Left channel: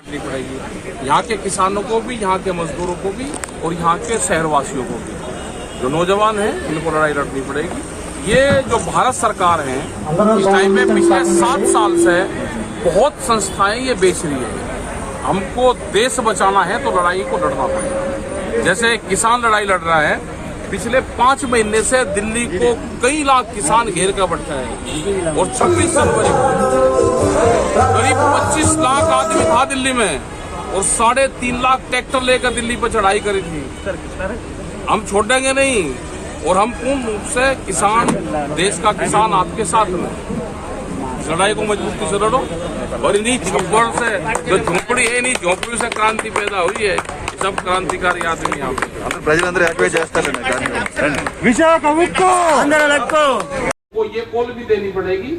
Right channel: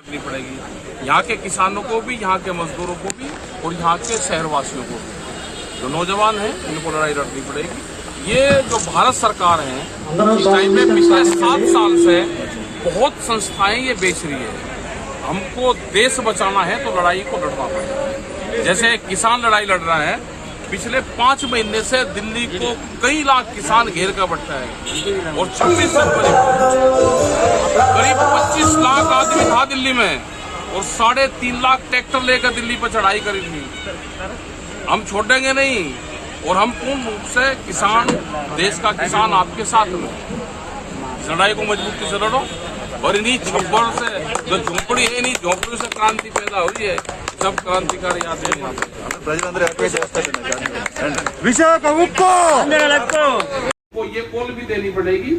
करनी पड़ेगी, यहाँ के किसानों को भी, यहाँ के मजदूरों को भी और यहाँ के शहरवासियों को भी। जो नौजवान हैं इनको लड़ाई लड़नी पड़ेगी। ये जो भारत सरकार है इस टाइम में पिछले 7 साल से बहुत संस्थाएं ये बेच रही है। हमको देश बचाना है तो लड़ाई को लड़ना पड़ेगा। जैसे किसान लड़ाई लड़ रहा है, पिछले 5 महीने से दिल्ली को कई लाख किसान घेर कर बैठा है और 26 जनवरी को करीब 25 लाख आदमी था दिल्ली में और 3.5 लाख ट्रैक्टर लेकर दिल्ली पर चढ़ाई करी थी। हम छोड़ेंगे नहीं और हम पूर्ण रूप से किसान, देश का किसान आपके साथ में लड़ाई को मजबूती से लड़ो। और इन्हीं छप्पड़ से जो झोंपड़ी है, इन्हीं झोंपड़ी से क्रांति पैदा हुई है। सब क्रांतिकारी आदमी यहाँ पे प्रजलंदरూ యాక్టివేట్ చేస్తారండి को ये कॉल भी देनी पड़ेगी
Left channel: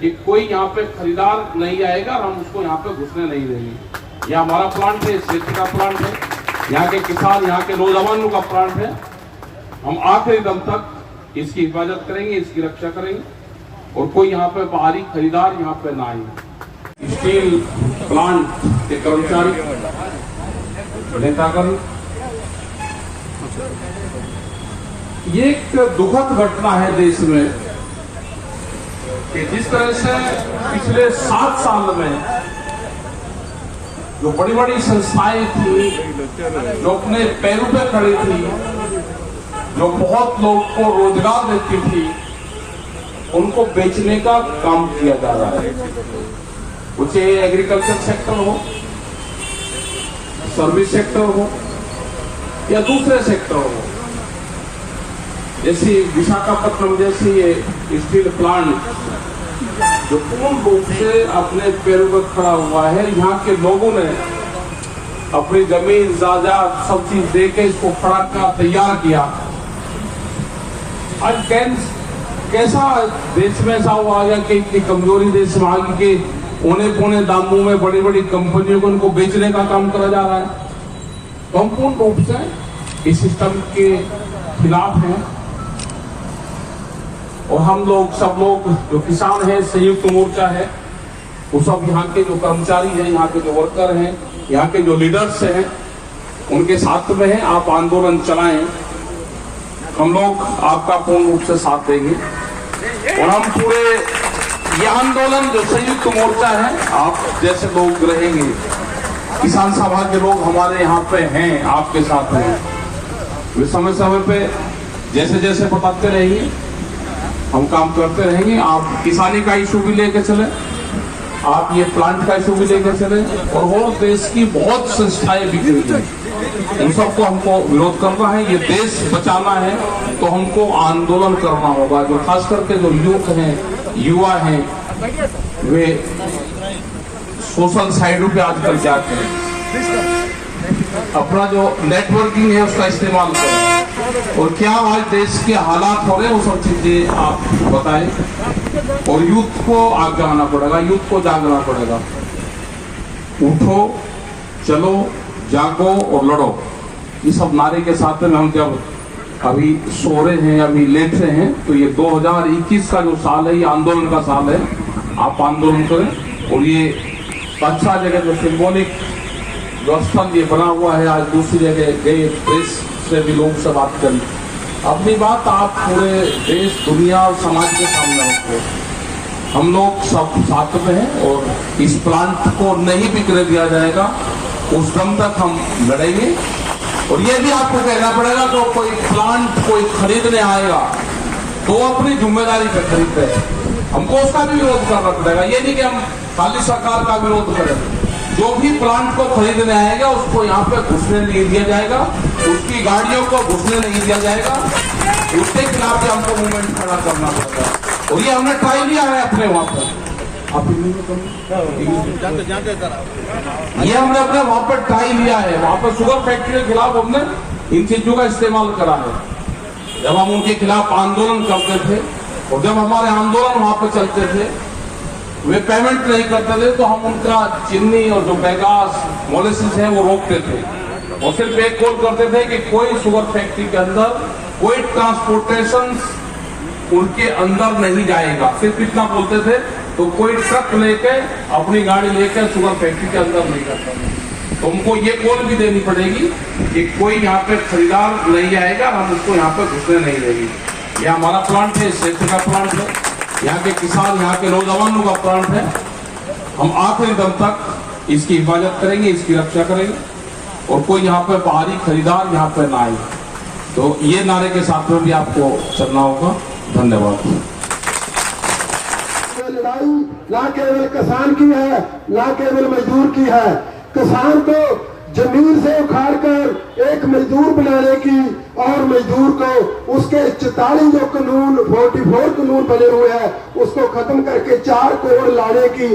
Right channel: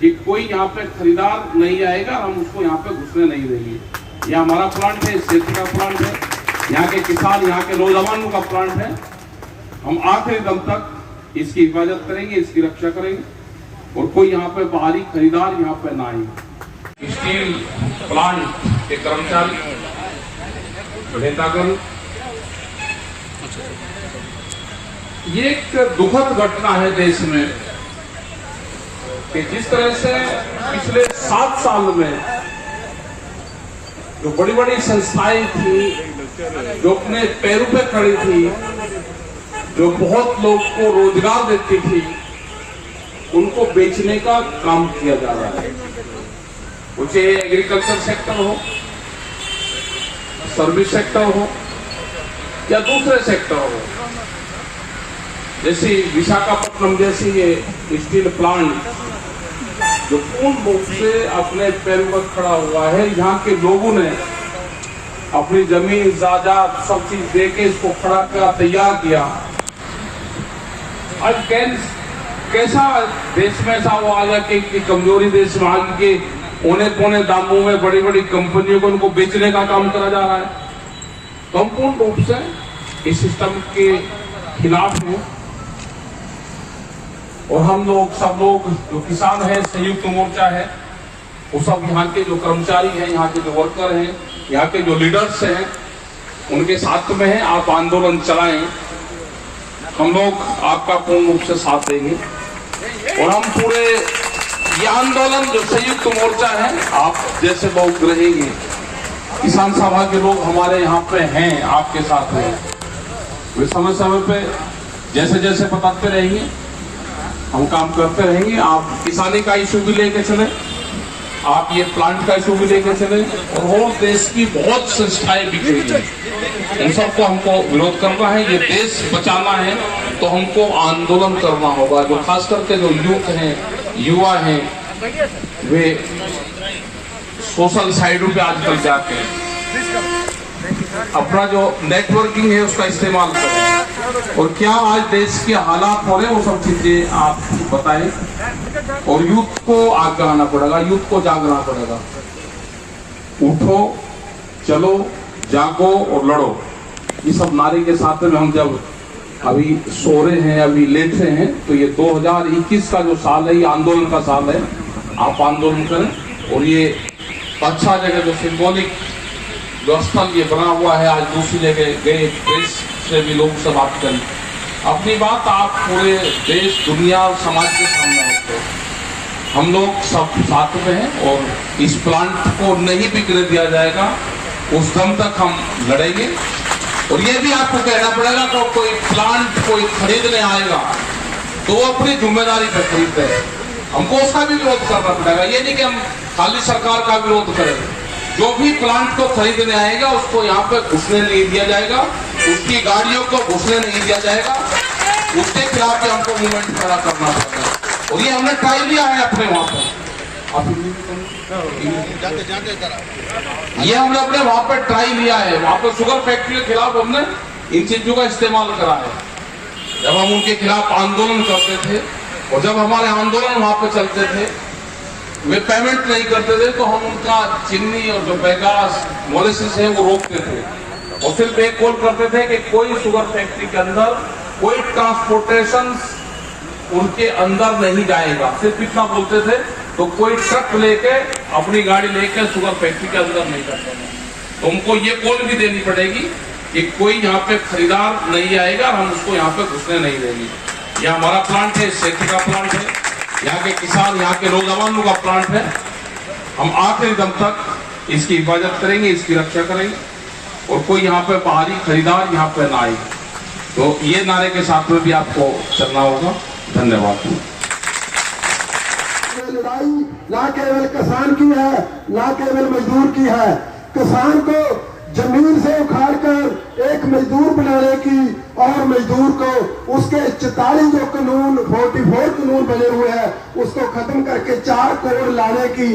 कि कोई यहाँ पे खरीदार नहीं आएगा, हम उसको यहाँ पे घुसने नहीं देंगे। ये हमारा प्लांट है, इस क्षेत्र का प्लांट है, यहाँ के किसान, यहाँ के नौजवानों का प्लांट है। हम आखिरी दम तक इसकी हिफाजत करेंगे, इसकी रक्षा करेंगे और कोई यहाँ पे बाहरी खरीदार यहाँ पे ना आए। स्टील प्लांट के कर्मचारी नेतागण, ये एक दुखद घटना है देश में कि जिस तरह से पिछले 7 साल में जो बड़ी बड़ी संस्थाएं थी, जो अपने पैरों पे खड़ी थी, जो बहुत लोग को रोजगार देती थी, उनको बेचने का काम किया जा रहा है। चाहे एग्रीकल्चर सेक्टर हो, सर्विस सेक्टर हो या दूसरे सेक्टर हो। जैसी विशाखापट्टनम जैसी ये स्टील प्लांट जो पूर्ण रूप से अपने पैरों पर खड़ा हुआ है, यहाँ के लोगों ने अपनी जमीन जायदाद सब चीज देके इसको खड़ा कर तैयार किया। आज कैसा देश में ऐसा हुआ है कि कमजोरी देश में आगे के औने पौने दामों में बड़ी बड़ी कंपनियों को उनको बेचने का काम करा जा रहा है। तो हम पूर्ण रूप से इस सिस्टम के खिलाफ हैं और हम लोग सब लोग जो किसान हैं, संयुक्त मोर्चा है, वो सब यहाँ के जो कर्मचारी हैं, यहाँ के जो वर्कर हैं, यहाँ के जो लीडर्स हैं, उनके साथ में हैं। आप आंदोलन चलाएं, हम लोग आपका पूर्ण रूप से साथ देंगे और हम पूरे ये आंदोलन जो संयुक्त मोर्चा है, आप जैसे लोग रहेंगे, किसान सभा के लोग हमारे यहाँ पे हैं, आपके साथ हैं, वे समय समय पे जैसे जैसे बताते रहेंगे, हम काम करते रहेंगे। आप किसानी का इशू भी लेके चले, आप ये प्लांट का इशू भी लेके चले और देश की बहुत संस्थाएं बिखरी हैं, उन सबको हमको विरोध करना है। ये देश बचाना है तो हमको आंदोलन करना होगा। जो खास करके जो यूथ हैं, युवा हैं, वे सोशल साइडों पे आजकल जाते हैं, अपना जो नेटवर्किंग है उसका इस्तेमाल करें और क्या आज देश के हालात हो रहे हैं वो सब चीजें आप बताएं और यूथ को आगे आना पड़ेगा, यूथ को जागना पड़ेगा। उठो, चलो, जागो और लड़ो, ये सब नारे के साथ में हम जब अभी सो रहे हैं, अभी लेट रहे हैं, तो ये 2021 का जो साल है, ये आंदोलन का साल है। आप आंदोलन करें और ये अच्छा जगह जो सिंबॉलिक जो स्थल ये बना हुआ है, आज दूसरी जगह गए, प्रेस से भी लोग से बात करें, अपनी बात आप पूरे देश, दुनिया और समाज के सामने रखते हैं। हम लोग सब साथ में हैं और इस प्लांट को नहीं बिकने दिया जाएगा, उस दम तक हम लड़ेंगे। और ये भी आपको कहना पड़ेगा कि कोई प्लांट कोई खरीदने आएगा तो अपनी जिम्मेदारी पर खरीदते हैं, हमको उसका भी विरोध करना पड़ेगा। ये नहीं कि हम खाली सरकार का विरोध करें। जो भी प्लांट को खरीदने आएगा उसको यहाँ पे घुसने नहीं दिया जाएगा, उसकी गाड़ियों को घुसने नहीं दिया जाएगा, उसके खिलाफ भी हमको मूवमेंट खड़ा करना पड़ेगा। और ये हमने ट्राई लिया है अपने वहां पर, ये हमने अपने वहां पर ट्राई लिया है। वहां पर शुगर फैक्ट्री के खिलाफ हमने इन चीजों का इस्तेमाल करा है। जब हम उनके खिलाफ आंदोलन करते थे और जब हमारे आंदोलन वहां पर चलते थे, वे पेमेंट नहीं करते थे तो हम उनका चीनी और जो बेगास मॉलिसिस है वो रोकते थे और सिर्फ एक कॉल करते थे कि कोई शुगर फैक्ट्री के अंदर कोई ट्रांसपोर्टेशन उनके अंदर नहीं जाएगा। सिर्फ इतना बोलते थे तो कोई ट्रक लेके अपनी गाड़ी लेकर शुगर फैक्ट्री के अंदर नहीं करता था। तुमको ये कॉल भी देनी पड़ेगी कि कोई यहाँ पे खरीदार नहीं आएगा, हम उसको यहाँ पे घुसने नहीं देंगे। यह हमारा प्लांट है, सेफ्टी का प्लांट है, यहाँ के किसान, यहाँ के नौजवानों का प्लांट है। हम आखिरी दम तक इसकी हिफाजत करेंगे, इसकी रक्षा करेंगे और कोई यहाँ पे बाहरी खरीदार यहाँ पे ना आए। तो ये नारे के साथ में भी आपको चलना होगा। धन्यवाद। लड़ाई ना केवल किसान की है, ना केवल मजदूर की है। किसान को जमीन से उखाड़कर एक मजदूर बनाने की और मजदूर को उसके 44 जो कानून 44 कानून बने हुए हैं उसको खत्म करके 4 कोड लाने की,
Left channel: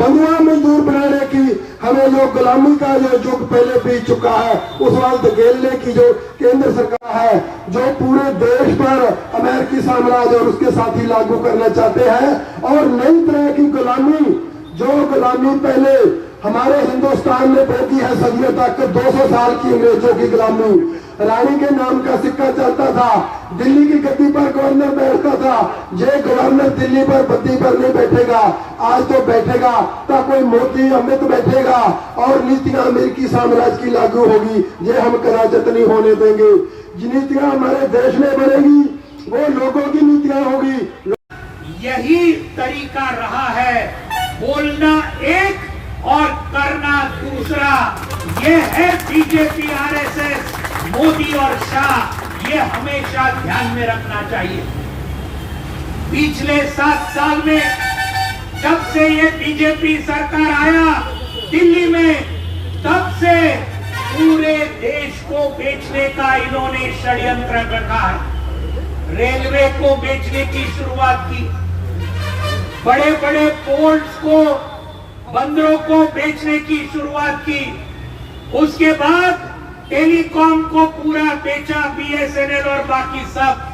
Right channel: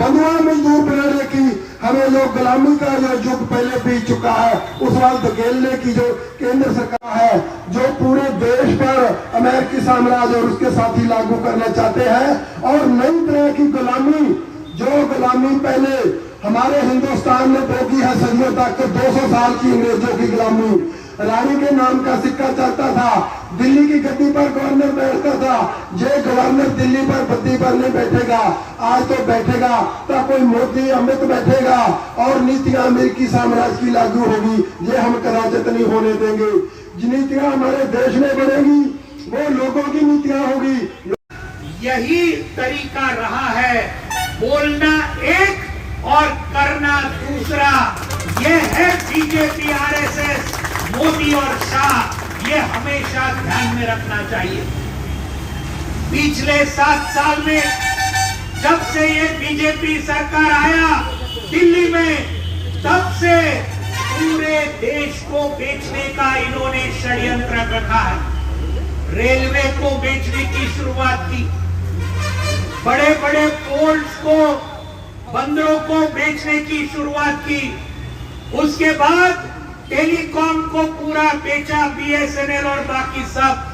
बंधुआ मजदूर बनाने की, हमें लोग गुलामी का जो युग पहले बीत चुका है उस वक्त धकेलने की जो केंद्र सरकार है, जो पूरे देश पर अमेरिकी साम्राज्य और उसके साथी लागू करना चाहते हैं। और नई तरह की गुलामी, जो गुलामी पहले हमारे हिंदुस्तान ने भोगी है सदियों तक, 200 साल की अंग्रेजों की गुलामी। रानी के नाम का सिक्का चलता था, दिल्ली की गद्दी पर गवर्नर बैठता था। ये गवर्नर दिल्ली पर गद्दी पर नहीं बैठेगा, आज तो बैठेगा तो कोई मोदी अमित बैठेगा और नीतियां अमेरिकी साम्राज्य की लागू होगी। ये हम कराजत नहीं होने देंगे। जिन नीतियां हमारे देश में बनेगी वो लोगों की नीतियां होगी। यही तरीका रहा है, बोलना एक और करना दूसरा। ये है बीजेपी, आरएसएस, मोदी और शाह। ये हमेशा ध्यान में रखना चाहिए। पिछले 7 साल में जब से ये बीजेपी सरकार आया दिल्ली में, तब से पूरे देश को बेचने का इन्होंने षड्यंत्र रखा। रेलवे को बेचने की शुरुआत की, बड़े बड़े पोर्ट्स को, बंदरों को बेचने की शुरुआत की। उसके बाद टेलीकॉम को पूरा बेचा, बीएसएनएल और बाकी सब।